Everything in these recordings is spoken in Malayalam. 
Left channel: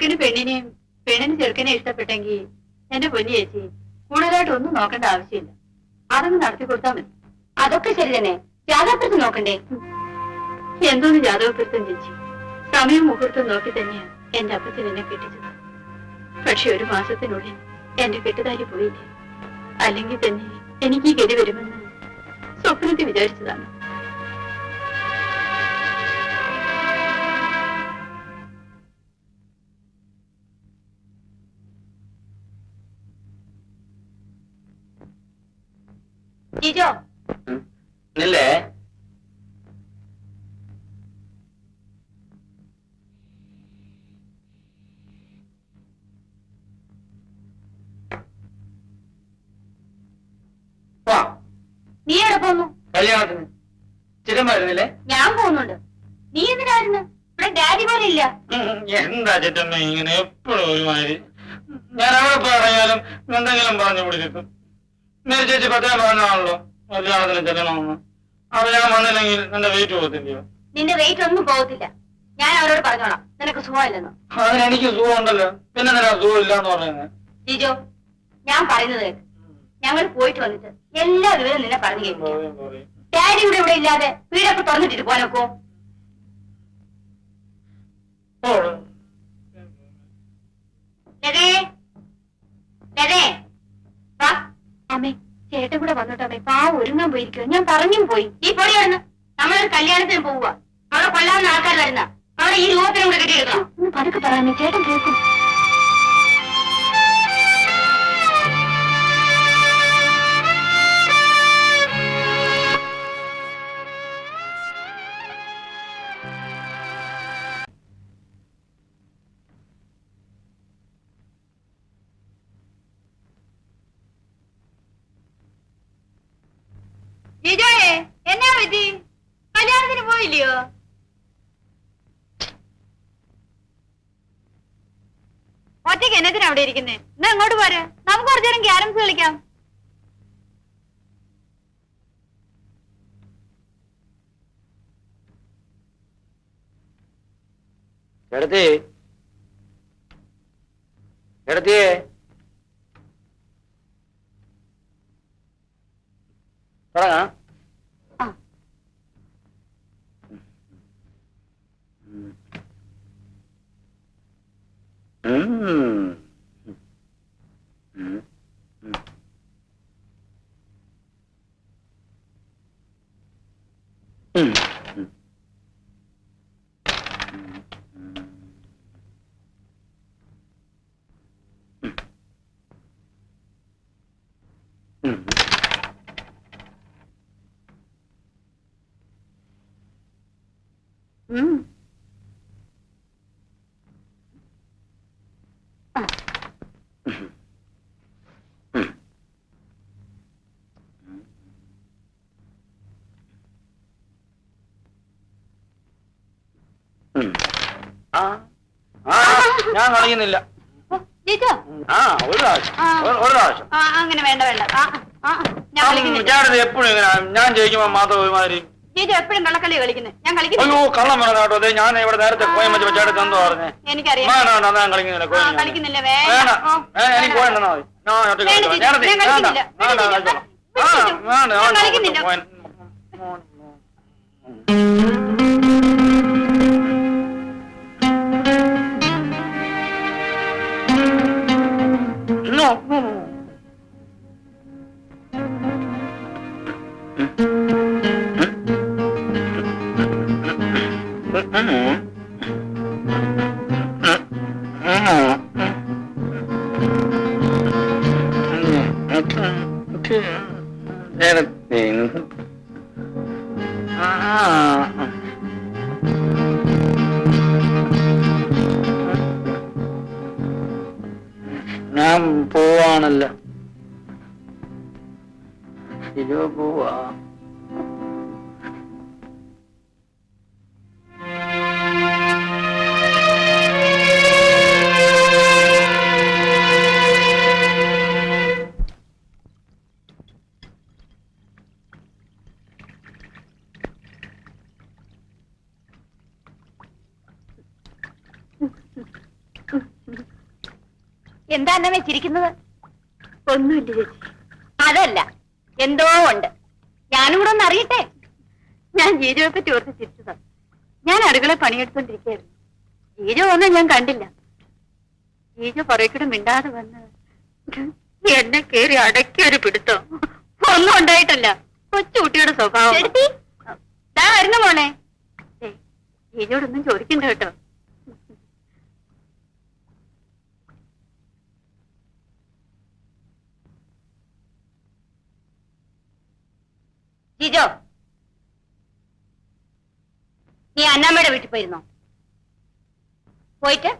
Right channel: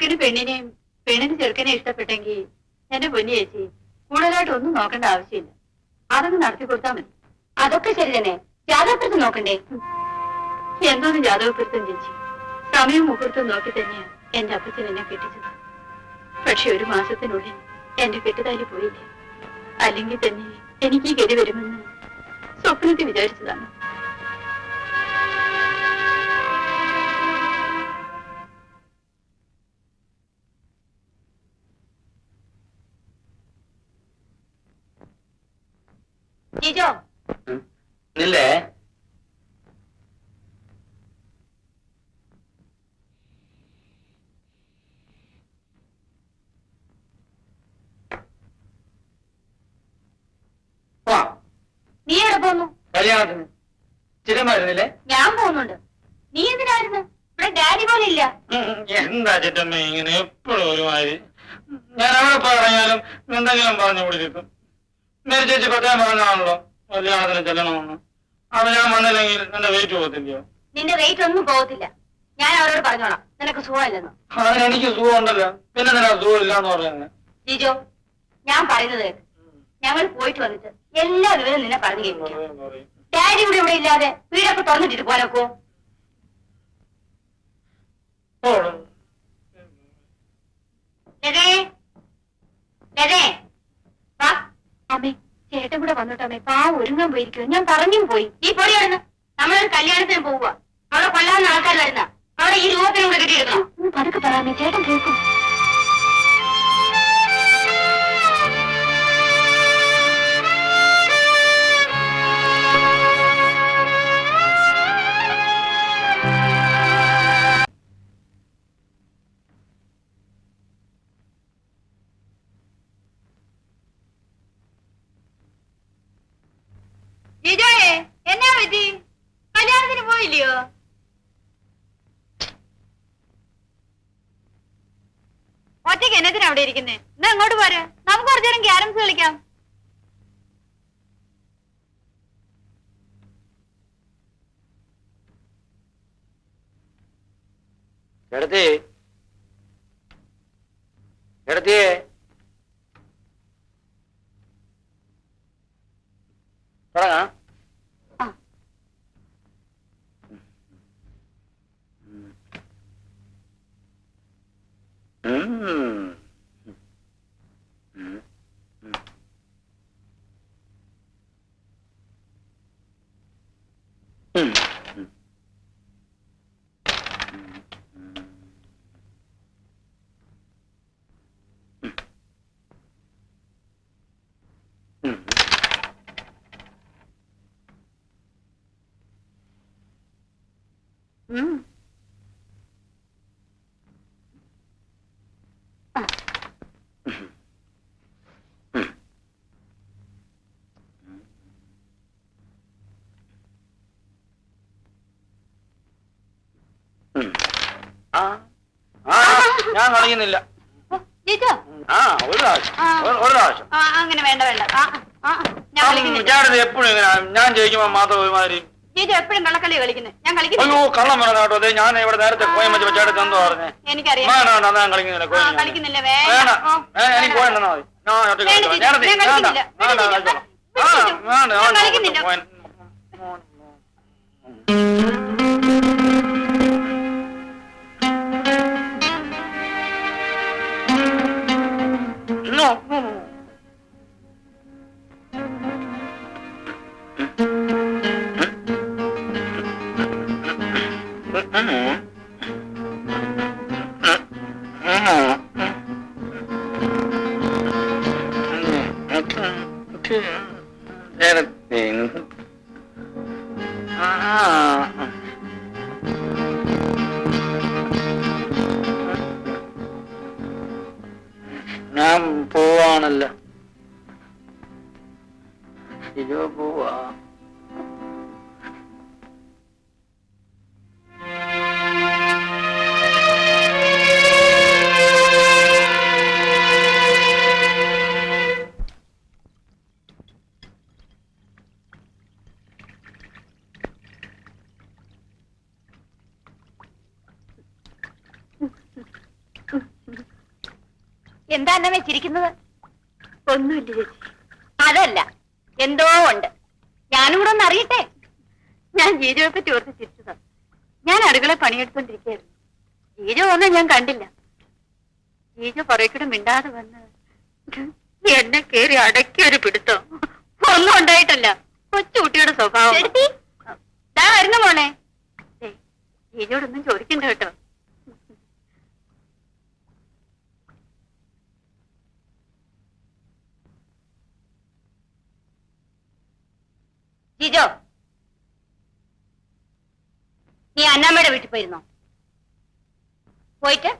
ചെറുക്കന് പെണ്ണിനെയും പെണ്ണിന് ചെറുക്കനെ ഇഷ്ടപ്പെട്ടെങ്കിൽ എന്റെ പൊന്നു ചേച്ചി കൂടുതലായിട്ട് ഒന്നും നോക്കേണ്ട ആവശ്യമില്ല. അതൊന്ന് നടത്തി കൊടുത്താൽ മതി. അതൊക്കെ ശരി തന്നെ. ജാതകപ്പെടുത്തം നോക്കണ്ടേ? എന്തോന്നും ജാതകപ്പെടുത്തും ചേച്ചി. സമയം മുഹൂർത്തം നോക്കി തന്നെയാ എന്റെ അപ്പച്ചൻ എന്നെ കെട്ടിച്ചത്. പക്ഷെ 1 മാസത്തിനുള്ളിൽ എന്റെ കെട്ടുതാലി പോയില്ലേ. അല്ലെങ്കിൽ തന്നെ എനിക്ക് ഈ ഗതി വരുമെന്ന് സ്വപ്നത്തിൽ വിചാരിച്ചതാണ്. ജിജോ ഇല്ലേ? നീ എവിടെ പോന്നു? കല്യാണത്തിന് ചിരമായിരുന്നില്ലേ? ഞാൻ പോകുന്നുണ്ട്. നീ എന്തിനായിരുന്നു? ഇവിടെ ഡാഡി പോലെ ഇല്ല. എന്താ ചിറ്റമ്മ ഇങ്ങനെ എപ്പോഴും ഒരുമാതിരി? ഞാൻ അവിടെ പറഞ്ഞാലും എന്തെങ്കിലും പറഞ്ഞു പിടിച്ചിട്ടും നേരെ ചേച്ചി പ്രത്യേകം പറഞ്ഞാണല്ലോ കല്യാണത്തിന് ചെല്ലണമെന്ന്. അത് ഞാൻ വന്നില്ലെങ്കിൽ എന്റെ വെയിറ്റ് പോകത്തില്ലയോ? നിന്റെ വെയിറ്റ് ഒന്നും പോകത്തില്ല. ഞാൻ അവരോട് പറഞ്ഞോളാം നിനക്ക് സുഖമില്ലെന്ന്. അതിന് എനിക്ക് സുഖം ഉണ്ടല്ലോ. പിന്നെ നിനക്ക് സുഖം ഇല്ലാന്ന് പറയുന്നത്? ജിജോ ഞാൻ പറയുന്നത് കേട്ട്. ഞങ്ങൾ പോയിട്ട് വന്നിട്ട് എല്ലാ വിവരവും നിന്നെ പറഞ്ഞു കേൾപ്പിക്കാം. ഡാഡി ഇവിടെ ഇല്ലാതെ വീടൊക്കെ തുറന്നിട്ടിട്ട് പോനൊക്കോ? അമ്മേ ചേട്ടൻ കൂടെ വന്നോട്ടമ്മേ. പാവം ഒരുങ്ങാൻ പോയിരിക്കുക. ഞാൻ പറഞ്ഞും പോയി. ഈ പൊടിയാണെന്ന് നമ്മളൊരു കല്യാണത്തിന് പോവുക. അവിടെ കൊല്ലാവുന്ന ആൾക്കാർ വരുന്ന അവിടെ ഈ രൂപത്തിനും കൂടെ കെട്ടിയെടുക്കണം. ഒന്ന് പതുക്കെ പറയാമേ, ചേട്ടൻ കേൾക്കും. എന്നാ പറ്റി? കല്യാണത്തിന് പോയില്ലയോ? ഒറ്റയ്ക്ക് എന്നതിനാ അവിടെ ഇരിക്കുന്നേ? എന്നാ അങ്ങോട്ട് പോരെ, നമുക്ക് കുറച്ചു നേരം ക്യാരംസ് കളിക്കാം. എടുത്തേ എടുത്തേ തുടങ്ങാം. ഞാൻ കളിക്കുന്നില്ല. അങ്ങനെ വേണ്ട വേണ്ട. എപ്പോഴും ഞാൻ ജയിക്കുമ്പോ മാത്രം ഒരുമാതിരി എപ്പോഴും കള്ളക്കളി കളിക്കുന്നത്. ഞാൻ അയ്യോ കള്ളം വേണം കേട്ടോ. അതെ ഞാൻ ഇവിടെ നേരത്തെ കോയം വെച്ച് വെച്ചാടുത്ത് എന്തോ പറഞ്ഞേ. എനിക്കറിയാം. ഞാൻ കളിക്കുന്നില്ല. കളിക്കുന്നില്ല. എനിക്ക് പോയിട്ടാ മതി. ഞാൻ പോവാണല്ലോ. ശരിയോ പോവാ. എന്താ അന്നമ്മേ ചിരിക്കുന്നത്? ഒന്നുമില്ല ചേച്ചി. അതല്ല, എന്തോ ഉണ്ട്. ഞാനും കൂടെ ഒന്ന് അറിയട്ടെ. ഞാൻ ജീജോയെ പറ്റി ഓർത്ത് ചിരിച്ചതാ. ഞാൻ അടുക്കള പണിയെടുത്തോണ്ടിരിക്കുകയായിരുന്നു. ജീജോ ഒന്നും ഞാൻ കണ്ടില്ല. ജീജോ പുറകിടെ മിണ്ടാതെ വന്ന് എന്നെ കേറി അടക്കി ഒരു പിടുത്തോ. ഒന്നും ഉണ്ടായിട്ടല്ല, കൊച്ചുകുട്ടിയുടെ സ്വഭാവം. വരുന്ന മോനെ. ജീജോടൊന്നും ചോദിക്കണ്ട കേട്ടോ. ജിജോ, നീ അന്നാമ്മയുടെ വീട്ടിൽ പോയിരുന്നോ? പോയിട്ട്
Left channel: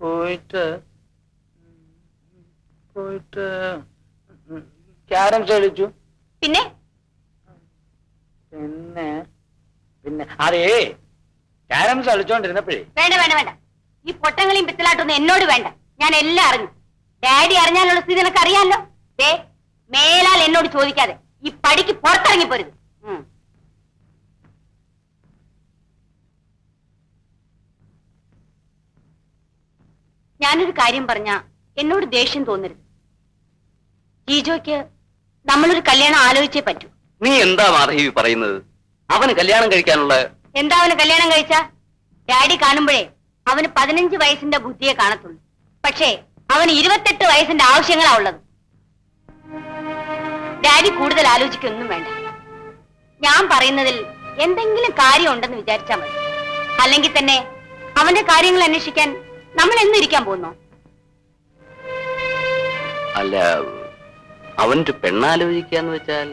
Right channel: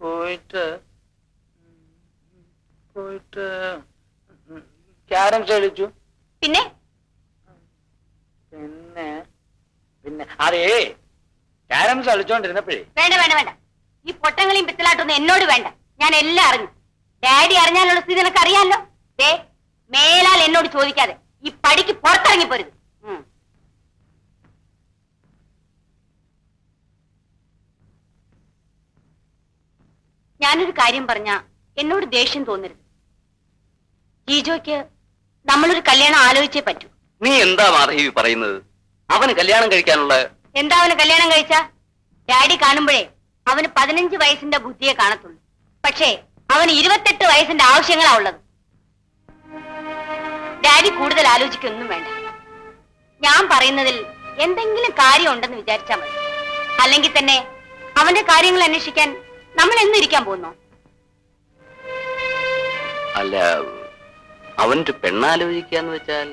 പോയിട്ട് പോയിട്ട് ക്യാരംസ് കളിച്ചു. പിന്നെ പിന്നെ പിന്നെ അതേ ക്യാരംസ് കളിച്ചോണ്ടിരുന്നപ്പോഴേ. വേണ്ട വേണ്ട വേണ്ട, ഈ പൊട്ടങ്ങളെയും പിത്തലാട്ടൊന്നും എന്നോട് വേണ്ട. ഞാൻ എല്ലാം അറിഞ്ഞു. ഡാഡി അറിഞ്ഞാലുള്ള സ്ഥിതി നിനക്ക് അറിയാലോ. മേലാൽ എന്നോട് ചോദിക്കാതെ ഈ പടിക്ക് പുറത്തിറങ്ങി പോരുത്. ഞാനൊരു കാര്യം പറഞ്ഞ എന്നോട് ദേഷ്യം തോന്നരുത്. ജീജോയ്ക്ക് നമ്മളൊരു കല്യാണം ആലോചിച്ചേ പറ്റൂ. നീ എന്താ മാധവി പറയുന്നത്? അവന് കല്യാണം കഴിക്കാനുള്ള എന്താ അവന് കല്യാണം കഴിച്ച? ഡാഡി കാണുമ്പോഴേ അവന് 15 വയസ്സിന്റെ ബുദ്ധിയെ കാണത്തുള്ളൂ. പക്ഷേ അവന് 28 വയസ്സിന്റെ ആവശ്യങ്ങളാ ഉള്ളത്. ഡാഡി കൂടുതൽ ആലോചിക്കൊന്നും വേണ്ട. ഞാൻ പറയുന്നതിൽ എന്തെങ്കിലും കാര്യം ഉണ്ടെന്ന് വിചാരിച്ചാൽ മതി. അല്ലെങ്കിൽ തന്നെ അവന്റെ കാര്യങ്ങൾ അന്വേഷിക്കാൻ നമ്മൾ എന്നിരിക്കാൻ പോകുന്നു. അല്ല, അവന്റെ പെണ്ണാലോചിക്കാന്ന് വെച്ചാൽ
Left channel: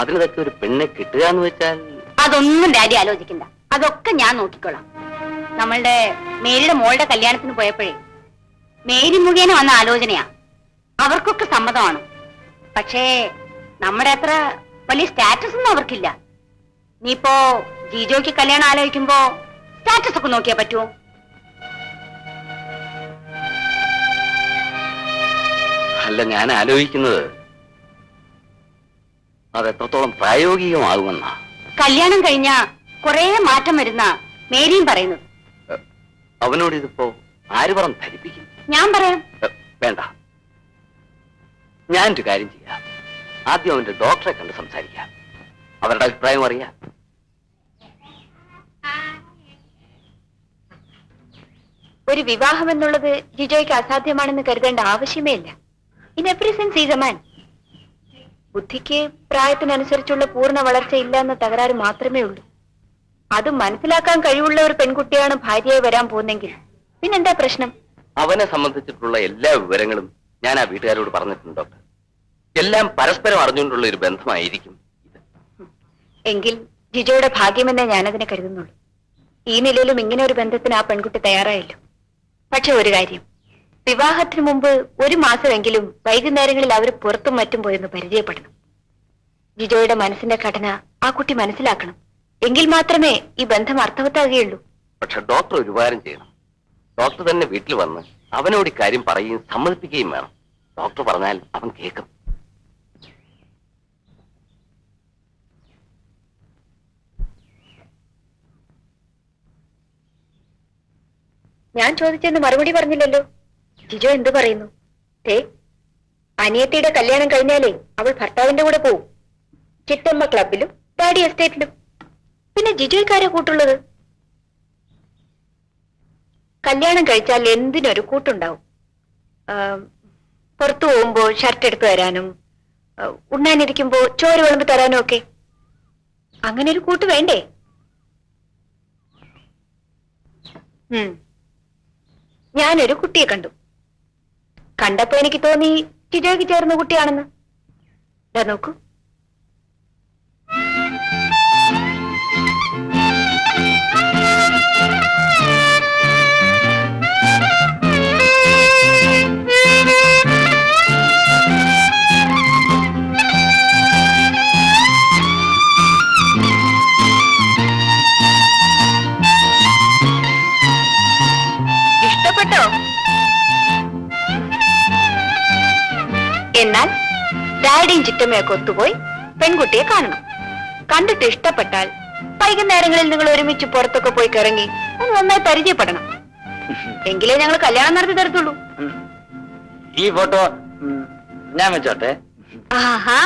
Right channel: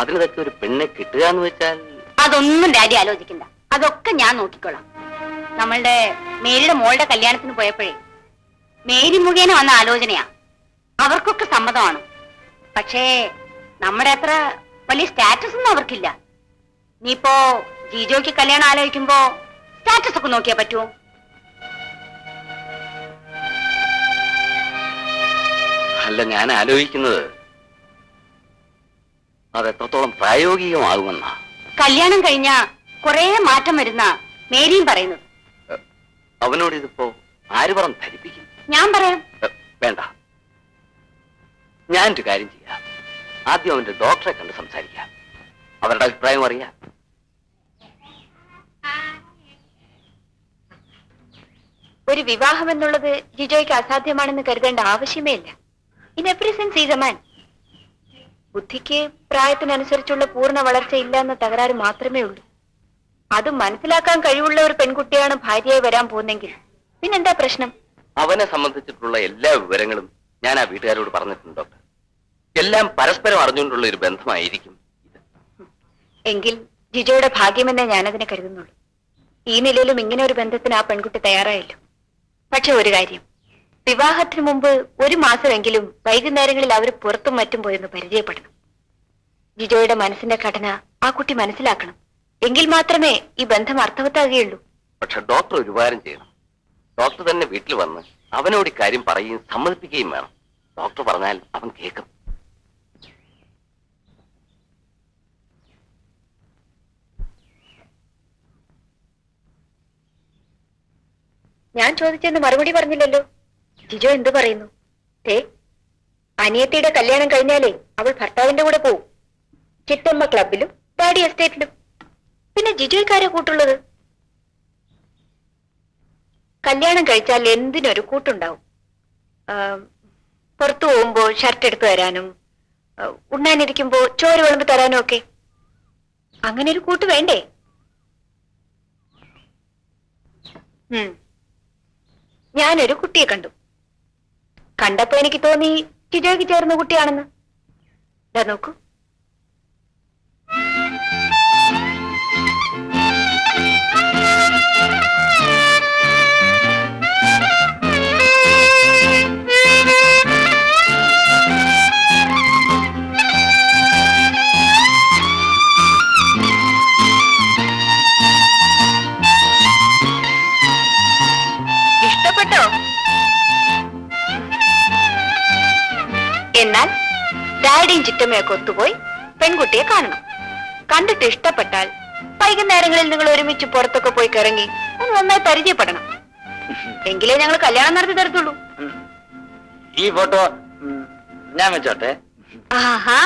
അതിനൊക്കെ ഒരു പെണ്ണെ കിട്ടുക എന്ന് വെച്ചാൽ അതൊന്നും ഡാഡി ആലോചിക്കണ്ട. അതൊക്കെ ഞാൻ നോക്കിക്കോളാം. നമ്മളുടെ മേരിയുടെ മോളുടെ കല്യാണത്തിന് പോയപ്പോഴേ മേരി മുഖേന വന്ന ആലോചനയാ. അവർക്കൊക്കെ സമ്മതമാണ്. പക്ഷേ നമ്മുടെ അത്ര വലിയ സ്റ്റാറ്റസ് ഒന്നും അവർക്കില്ല. നീയിപ്പോ ജീജോയ്ക്ക് കല്യാണം ആലോചിക്കുമ്പോ സ്റ്റാറ്റസ് ഒക്കെ നോക്കിയാ പറ്റുമോ? അല്ല, ഞാൻ ആലോചിക്കുന്നത് അത് എത്രത്തോളം പ്രായോഗികമാകുമെന്നാ. കല്യാണം കഴിഞ്ഞ കുറെ മാറ്റം വരുന്ന മേരിയും പറയുന്നത്. അവനോട് ഇതിപ്പോ ആര് പറഞ്ഞ് ധരിപ്പിക്കും? ഞാൻ പറയാം. വേണ്ട, ഞാനൊരു കാര്യം ചെയ്യാം. ആദ്യം അവന്റെ ഡോക്ടറെ കണ്ട് സംസാരിക്കാം. അവരുടെ അഭിപ്രായം അറിയാം. ഒരു വിവാഹം എന്നുള്ളത് ജിജോയ്ക്ക് അസാധ്യമാണെന്ന് കരുതേണ്ട ആവശ്യമേ ഇല്ല. In every sense is a man. ബുദ്ധിക്ക് പ്രായത്തിനനുസരിച്ചുള്ള പൂർണ്ണ വളർച്ച ഇല്ല എന്ന തകരാറ് മാത്രമേ ഉള്ളൂ. അത് മനസ്സിലാക്കാൻ കഴിവുള്ള ഒരു പെൺകുട്ടിയാണ് ഭാര്യയായി വരാൻ പോകുന്നെങ്കിൽ പിന്നെന്താ പ്രശ്നം? അവനെ സംബന്ധിച്ചിട്ടുള്ള എല്ലാ വിവരങ്ങളും ഞാൻ ആ വീട്ടുകാരോട് പറഞ്ഞിട്ടുണ്ട് ഡോക്ടർ. എല്ലാം പരസ്പരം അറിഞ്ഞുകൊണ്ടുള്ള ഒരു ബന്ധമായിരിക്കും. എങ്കിൽ ജിജോയുടെ ഭാഗ്യമെന്നേ ഞാനതിനെ കരുതുന്നുള്ളൂ. ഈ നിലയിലും ഇങ്ങനെ ഒരു ബന്ധത്തിന് ആ പെൺകുട്ടി തയ്യാറായല്ലോ. പക്ഷെ ഒരു കാര്യം, വിവാഹത്തിന് മുമ്പ് 1 മാസമെങ്കിലും വൈകുന്നേരങ്ങളിൽ അവർ പുറത്തും മറ്റും പോയെന്ന് പരിചയപ്പെടണം. ജിജോയുടെ മനസ്സിന്റെ ഘടന ആ കുട്ടി മനസ്സിലാക്കണം. എങ്കിൽ മാത്രമേ ഈ ബന്ധം അർത്ഥവത്താകുകയുള്ളൂ. പക്ഷെ ഡോക്ടർ ഒരു ഉപകാരം ചെയ്യണം. ഡോക്ടർ തന്നെ വീട്ടിൽ വന്ന് അവനോട് ഇക്കാര്യം പറയുകയും സമ്മതിപ്പിക്കുകയും വേണം. ഡോക്ടർ പറഞ്ഞാൽ അവൻ കേൾക്കും. ഞാൻ ചോദിച്ചെന്ന് മറുപടി പറഞ്ഞില്ലല്ലോ. ജിജോ എന്തു പറയുന്നു? അനിയത്തിയുടെ കല്യാണം കഴിഞ്ഞാലേ അവൾ ഭർത്താവിന്റെ കൂടെ പോവും. ചിറ്റമ്മ ക്ലബിലും ഡാഡി എസ്റ്റേറ്റിലും. പിന്നെ ജിജോയ്ക്കാരെ കൂട്ടുള്ളത്? കല്യാണം കഴിച്ചാൽ എന്തിനൊരു കൂട്ടുണ്ടാവും. പുറത്തു പോകുമ്പോ ഷർട്ട് എടുത്തു തരാനും ഉണ്ണാനിരിക്കുമ്പോ ചോറ് വിളമ്പി തരാനും ഒക്കെ. അങ്ങനെ ഒരു കൂട്ട് വേണ്ടേ? ഞാനൊരു കുട്ടിയെ കണ്ടു. കണ്ടപ്പോ എനിക്ക് തോന്നി ജിജോയ്ക്ക് ചേർന്ന കുട്ടിയാണെന്ന്. നോക്കൂ. ഇഷ്ടപ്പെട്ടോ? എന്നാൽ ഡാഡിയും ചിറ്റമ്മയൊക്കെ ഒത്തുപോയി പെൺകുട്ടിയെ കാണണം. കണ്ടിട്ട് ഇഷ്ടപ്പെട്ടാൽ വൈകുന്നേരങ്ങളിൽ നിങ്ങൾ ഒരുമിച്ച് പുറത്തൊക്കെ പോയി കിറങ്ങി ഒന്ന് നന്നായി പരിചയപ്പെടണം. എങ്കിലേ ഞങ്ങൾ കല്യാണം നടത്തി തരത്തുള്ളൂ. ഈ ഫോട്ടോ ഞാൻ വെച്ചോട്ടെ. ആഹാ